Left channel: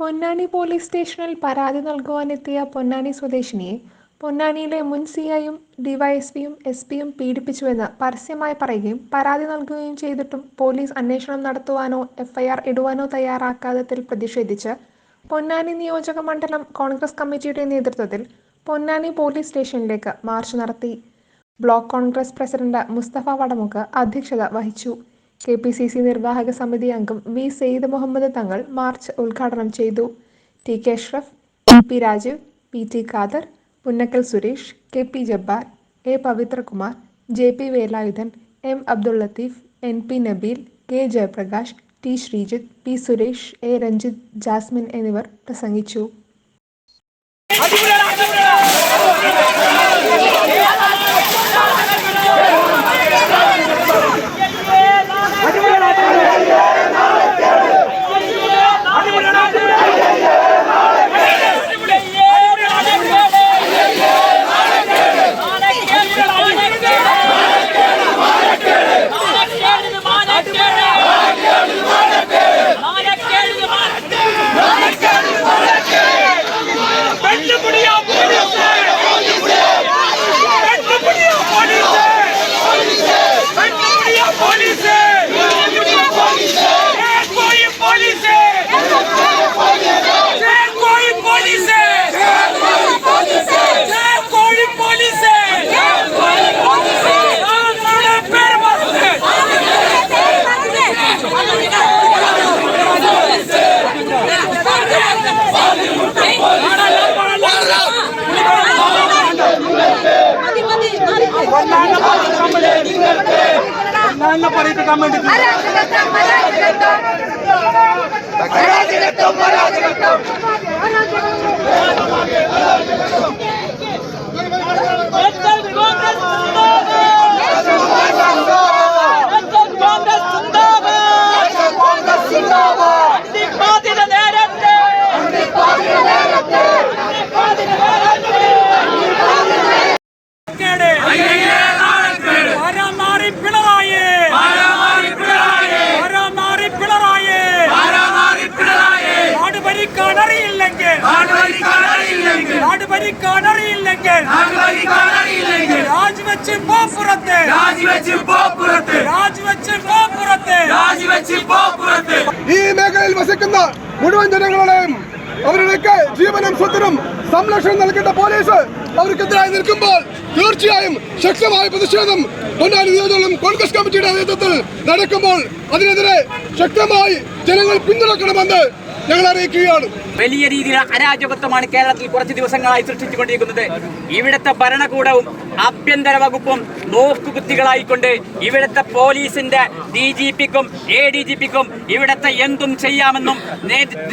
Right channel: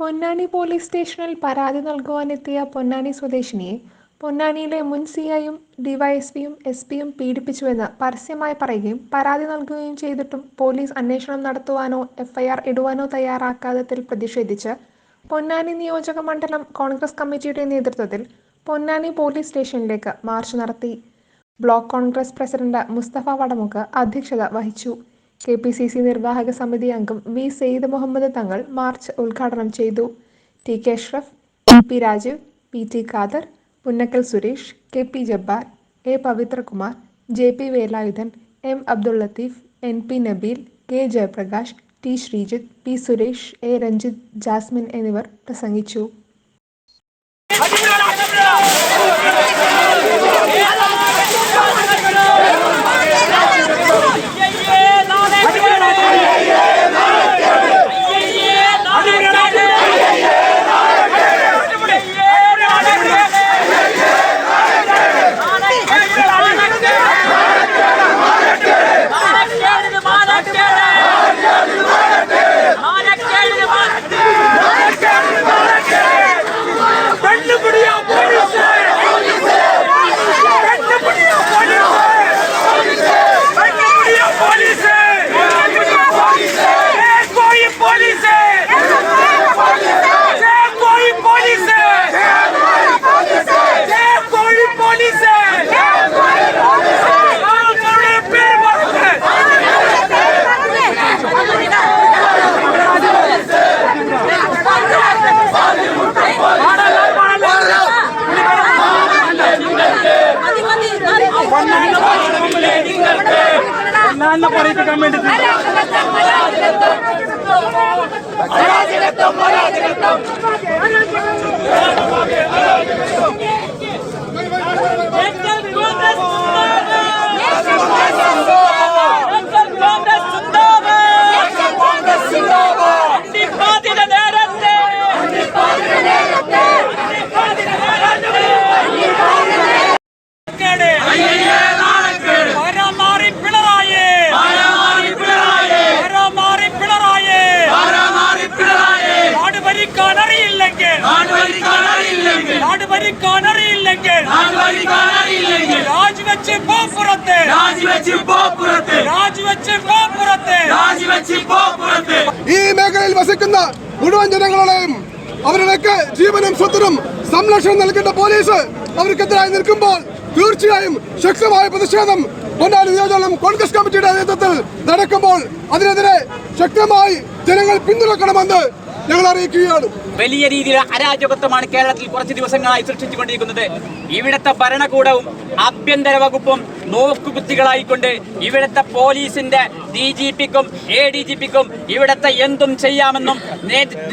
Ponnani police സ്റ്റേഷനിൽ പരാതി നൽകുവാനെത്തിയ പൊന്നാനി സ്വദേശിനിയെ പൊന്നാനിയിലെ മുൻ സി ഐയും ഡിവൈഎസ്പിയും എസ് പിയും പീഡിപ്പിച്ചുവെന്ന് പരസ്യമായി പറയുകയും പരാതി നൽകുകയും ചെയ്തിട്ടും പോലീസ് അന്വേഷണം നടത്തുവാനോ എഫ്ഐആർ ഇടുവാനോ തയ്യാറാക്കാത്തതിൽ പ്രതിഷേധിച്ച് പൊന്നാനി നിയോജക മണ്ഡലം കോൺഗ്രസ് കമ്മിറ്റിയുടെ നേതൃത്വത്തിൽ പൊന്നാനി പോലീസ് സ്റ്റേഷനിലേക്ക് മാർച്ച് നടത്തി. Block Congress president Musthafa Vadamukku അധ്യക്ഷത വഹിച്ചു. കെ പി സി സി നിർവാഹക സമിതി അംഗം വി സെയ്ദ് മുഹമ്മദ് തങ്ങൾ മാർച്ച് ഉദ്ഘാടനം ചെയ്തു. T K Ashraf E P Rajeev P T Khader Punnakkal Suresh K P Jabbar A Pavithrakumar J P Velayudhan M Abdul Latheef N P Nabeel K Jayaprakash T Sreejith P Suresh A Ranjith Jasmin എന്നിവർ പ്രസംഗിച്ചു. ಅನ್ನ ಪರಿಪ comment ಇದ್ದೀವಿ നാട് ഭരിക്കാൻ അറിയില്ലെങ്കിൽ രാജിവെച്ച് രാജിവെച്ച് രാജിവെച്ച് രാജിവെച്ച് ഈ മേഖലയിൽ വസിക്കുന്ന മുഴുവൻ ജനങ്ങളുടെയും അവരുടെയൊക്കെ ജീവനും സ്വത്തിനും സംരക്ഷണം നൽകേണ്ട പോലീസ് അവർക്കെതിരായി നിൽക്കുമ്പോൾ തീർച്ചയായും ശക്തമായ പ്രതിഷേധം പൊന്നാനി നിയോജകം കോൺഗ്രസ് കമ്മിറ്റിയുടെ നേതൃത്വത്തിൽ നടക്കുമ്പോൾ അതിനെതിരെ ശക്തമായി ജനങ്ങൾ പിന്തുണക്കണമെന്ന് ഞങ്ങൾ അറിയിക്കുകയാണ്. വലിയ രീതിയിലുള്ള അരാജകത്വമാണ് കേരളത്തിൽ കുറച്ച് ദിവസങ്ങളായി സൃഷ്ടിച്ചുകൊണ്ടിരിക്കുന്നത്. ഇവിടുത്തെ ഭരണകൂടവും ആഭ്യന്തര വകുപ്പും നോക്കുകുത്തികളായിക്കൊണ്ട് ഇവിടുത്തെ പോലീസിന്റെ ഡി ജി പിക്കും എ ഡി ജി പിക്കും ഇവിടുത്തെ എന്തും ചെയ്യാമെന്നും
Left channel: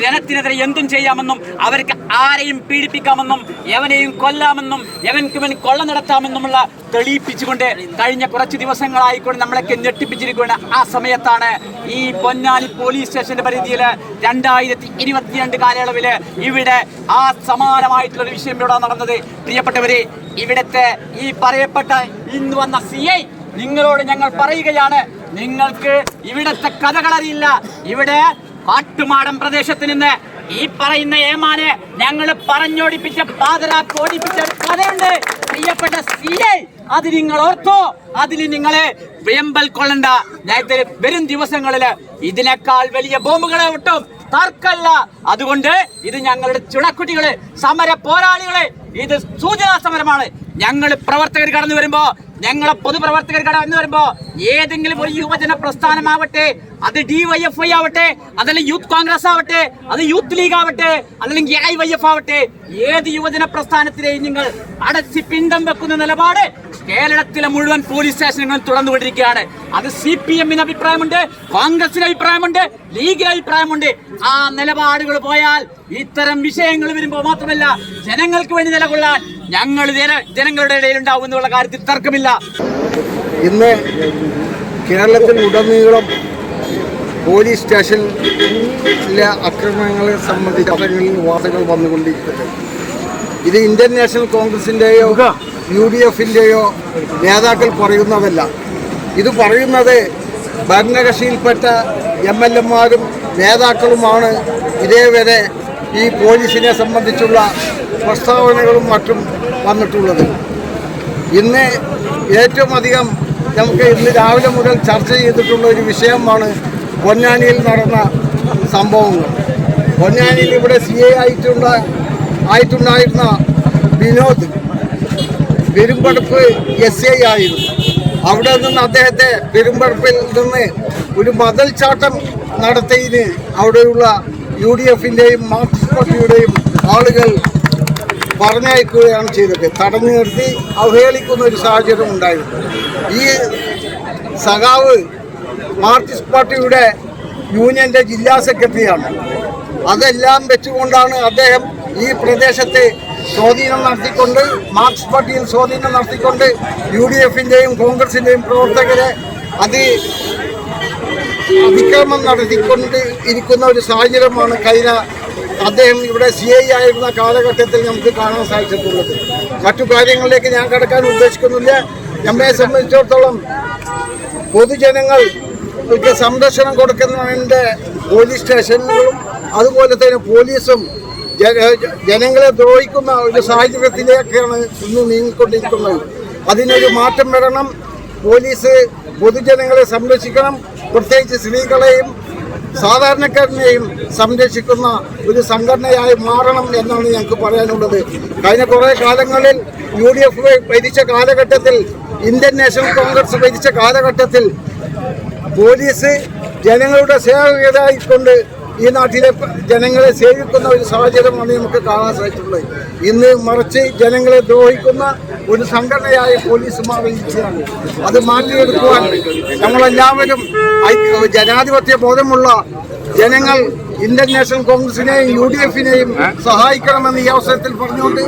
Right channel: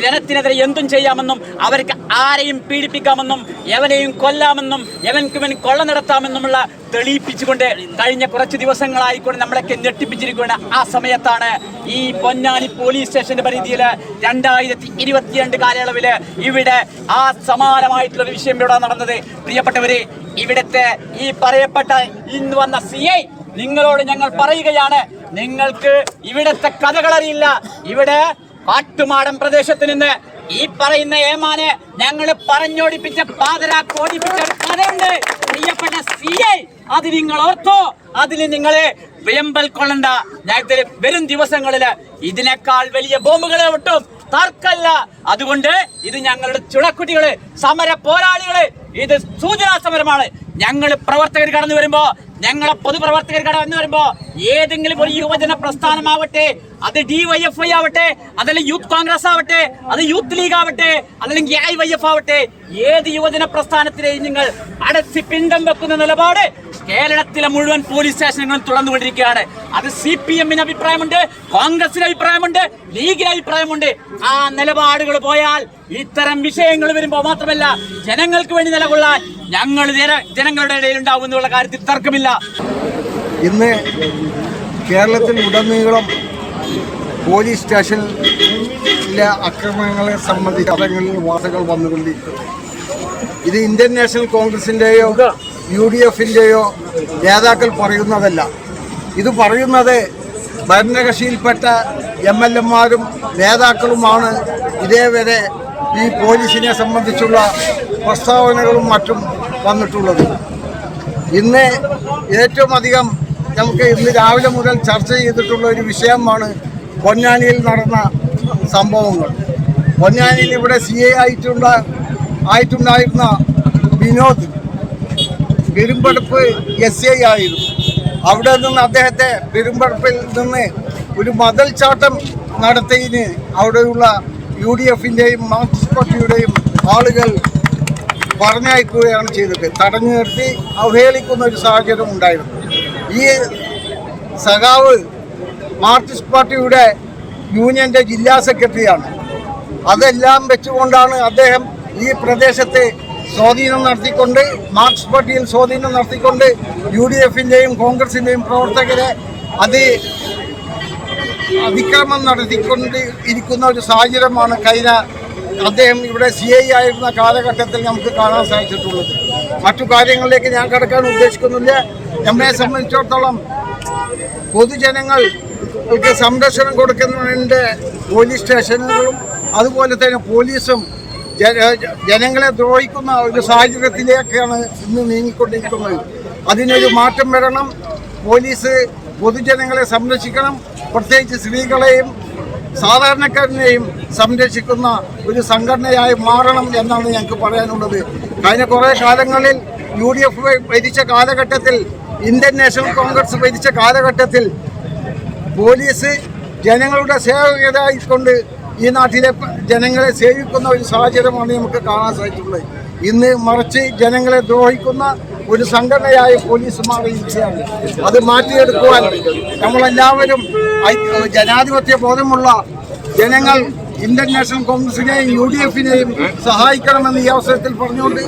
ജനത്തിനെതിരെ എന്തും ചെയ്യാമെന്നും അവർക്ക് ആരെയും പീഡിപ്പിക്കാമെന്നും എവനെയും കൊല്ലാമെന്നും എവൻക്കുമൻ കൊള്ള നടത്താമെന്നുമുള്ള തെളിയിപ്പിച്ചുകൊണ്ട് കഴിഞ്ഞ കുറച്ച് ദിവസങ്ങളായിക്കൊണ്ട് നമ്മളൊക്കെ ഞെട്ടിപ്പിച്ചിരിക്കുകയാണ്. ആ സമയത്താണ് ഈ പൊന്നാനി പോലീസ് സ്റ്റേഷന്റെ പരിധിയിൽ രണ്ടായിരത്തി ഇരുപത്തിരണ്ട് കാലയളവിൽ ഇവിടെ ആ സമാനമായിട്ടുള്ള വിഷയം ഇവിടെ നടന്നത്. പ്രിയപ്പെട്ടവരെ ഇവിടുത്തെ ഈ പറയപ്പെട്ട ഇന്ന് വന്ന സി ഐ നിങ്ങളോട് ഞങ്ങൾ പറയുകയാണ് നിങ്ങൾക്ക് ഇവിടത്തെ കഥകളറിയില്ല. ഇവിടെ കാട്ടുമാടം പ്രദേശത്ത് നിന്ന് ഈ പറയുന്ന ഏമാനെ ഞങ്ങൾ പറഞ്ഞോടിപ്പിച്ച പാതരാക്ക് ഓടിപ്പിച്ച ഒരു കഥയുണ്ട്. പ്രിയപ്പെട്ട സി ഐ അത് നിങ്ങൾ ഓർത്തോ. അതിൽ നിങ്ങളെ വെമ്പൽ കൊള്ളണ്ട. ഞാൻ വരും ദിവസങ്ങളിൽ ഇതിനേക്കാൾ വലിയ ബോംബുകളെ വിട്ടും തർക്കല്ല. അതുകൊണ്ട് ഇത് ഞങ്ങളുടെ ചുണക്കുട്ടികൾ സമര പോരാളികൾ ഇത് സൂചനാ സമരമാണ്. ഞങ്ങൾ പ്രവർത്തകർ കടന്നു വരുമ്പോ ഞങ്ങളെ പൊതുപ്രവർത്തകർ എന്ന് വരുമ്പോ ഏതെങ്കിലും ഒരു യുവജന പ്രസ്ഥാനമാവട്ടെ അത് ഡി വൈ എഫ് ഐ ആവട്ടെ അതല്ലെങ്കിൽ യൂത്ത് കോൺഗ്രസ് ആവട്ടെ അത് യൂത്ത് ലീഗ് ആവട്ടെ അല്ലെങ്കിൽ ഐ വൈ എഫ് ആവട്ടെ ഏത് യുവജന പ്രസ്ഥാനത്തിലെയും നിങ്ങൾ അടച്ച് പിണ്ടം വെക്കുന്ന നിലപാട് കേരളത്തിലെ മുഴുവൻ പോലീസ് സ്റ്റേഷനുകളും തുറന്നുകൊണ്ടിരിക്കുകയാണ്. അത് സി പി എമ്മിന് അഭിപ്രായമുണ്ട് കോൺഗ്രസിന് അഭിപ്രായമുണ്ട് ലീഗിന് അഭിപ്രായമുണ്ട്. ആ നിലപാടുകൾ പോയാൽ ഇത്തരം വിഷയങ്ങൾ വരുമ്പോൾ മാത്രമല്ല ജനങ്ങൾക്ക് വേണ്ടി നിലകൊള്ളാൻ ഞങ്ങൾ ജനങ്ങളുടെ ഇടയിൽ ഉണ്ടാവും എന്നുള്ള കാര്യത്തിൽ തർക്കമില്ല. ഇന്ന് കേരളത്തിൽ ഉടനീളം പോലീസ് സ്റ്റേഷനിലെ അക്രമങ്ങളെ സംബന്ധിച്ച് പത്രങ്ങളിൽ വാർത്തകൾ വന്നുകൊണ്ടിരിക്കുന്നത് ഇത് ഇന്ത്യൻ നാഷണൽ കോൺഗ്രസിന്റെയോ യു ഡി എഫിന്റെയോ നേതാക്കൾ പറയുന്നതല്ല. ഇത് പറയുന്നത് ഭരണകക്ഷിയിൽപ്പെട്ട എം എൽ എമാരും നേതാക്കളുമാണ്. ഇതേവരെ ഈ പോലീസിനെ സംബന്ധിച്ചുള്ള പ്രസ്താവനകളും മറ്റും വന്നിട്ടുള്ളത്. ഇന്ന് ഏറ്റവും അധികം നമുക്ക് ഇന്ന് രാവിലെ മുതൽ ചർച്ച ചെയ്തിട്ടുള്ള ഒരു വിഷയമാണ് പൊന്നാനിയിൽ നടന്ന സംഭവങ്ങൾ. പൊന്നാനിയിൽ ഇവിടെ സി എ ആയിട്ടുണ്ട ആയിട്ടുണ്ടായിരുന്ന വിനോദ് പെരുമ്പടപ്പ് എസ് ഐ ആയിരുന്നു. അവിടെ നിന്ന് അദ്ദേഹത്തെ പെരുമ്പടപ്പിൽ നിന്ന് ഒരു മതൽ ചാട്ടം നടത്തിയതിന് അവിടെയുള്ള യു ഡി എഫിന്റെയും മാർക്സിസ്റ്റ് പാർട്ടിയുടെയും ആളുകൾ പറഞ്ഞയക്കുകയാണ് ചെയ്തത്. തടഞ്ഞു നിർത്തി അവഹേളിക്കുന്ന ഒരു സാഹചര്യം ഉണ്ടായിരുന്നു. ഈ സഖാവ് മാർക്സിസ്റ്റ് പാർട്ടിയുടെ യൂണിയന്റെ ജില്ലാ സെക്രട്ടറിയാണ്. അതെല്ലാം വെച്ചുകൊണ്ടാണ് അദ്ദേഹം ഈ പ്രദേശത്ത് സ്വാധീനം നടത്തിക്കൊണ്ട് മാർക്സ് പാർട്ടിയിൽ സ്വാധീനം നടത്തിക്കൊണ്ട് യു ഡി എഫിന്റെയും കോൺഗ്രസിന്റെയും പ്രവർത്തകരെ അത് അതിക്രമം നടത്തിക്കൊണ്ട് ഇരിക്കുന്ന ഒരു സാഹചര്യമാണ് കഴിഞ്ഞ അദ്ദേഹം ഇവിടെ സി ഐ ആയിരുന്ന കാലഘട്ടത്തിൽ നമുക്ക് കാണാൻ സാധിച്ചിട്ടുള്ളത്. മറ്റു കാര്യങ്ങളിലേക്ക് ഞാൻ കിടക്കാൻ ഉദ്ദേശിക്കുന്നില്ല. നമ്മെ സംബന്ധിച്ചിടത്തോളം പൊതുജനങ്ങൾക്ക് സംരക്ഷണം കൊടുക്കുന്നതിന്റെ പോലീസ് സ്റ്റേഷനുകളും അതുപോലെ തന്നെ പോലീസും ജനങ്ങളെ ദ്രോഹിക്കുന്ന ഒരു സാഹചര്യത്തിലേക്കാണ് ഇന്ന് നീങ്ങിക്കൊണ്ടിരിക്കുന്നത്. അതിനൊരു മാറ്റം വരണം. പോലീസ് പൊതുജനങ്ങളെ സംരക്ഷിക്കണം. പ്രത്യേകിച്ച് സ്ത്രീകളെയും സാധാരണക്കാരനെയും സംരക്ഷിക്കുന്ന ഒരു സംഘടനയായി മാറണം എന്നാണ് ഞങ്ങൾക്ക് പറയാനുള്ളത്. കഴിഞ്ഞ കുറേ കാലങ്ങളിൽ യു ഡി എഫ് ഭരിച്ച കാലഘട്ടത്തിൽ ഇന്ത്യൻ നാഷണൽ കോൺഗ്രസ് ഭരിച്ച കാലഘട്ടത്തിൽ പോലീസ് ജനങ്ങളുടെ സേവകരായിക്കൊണ്ട് ഈ നാട്ടിലെ ജനങ്ങളെ സേവിക്കുന്ന ഒരു സാഹചര്യമാണ് നമുക്ക് കാണാൻ സാധിച്ചിട്ടുള്ളത്. ഇന്ന് മറിച്ച് ജനങ്ങളെ ദ്രോഹിക്കുന്ന ഒരു സംഘടനയായ പോലീസ് മാറിയിരിക്കുകയാണ് അത് മാറ്റിയെടുക്കുവാൻ നമ്മളെല്ലാവരും ജനാധിപത്യ ബോധമുള്ള ജനങ്ങൾ ഇന്ത്യൻ നാഷണൽ കോൺഗ്രസിനെയും യു ഡി എഫിനെയും സഹായിക്കണമെന്ന് ഈ അവസരത്തിൽ പറഞ്ഞുകൊണ്ട്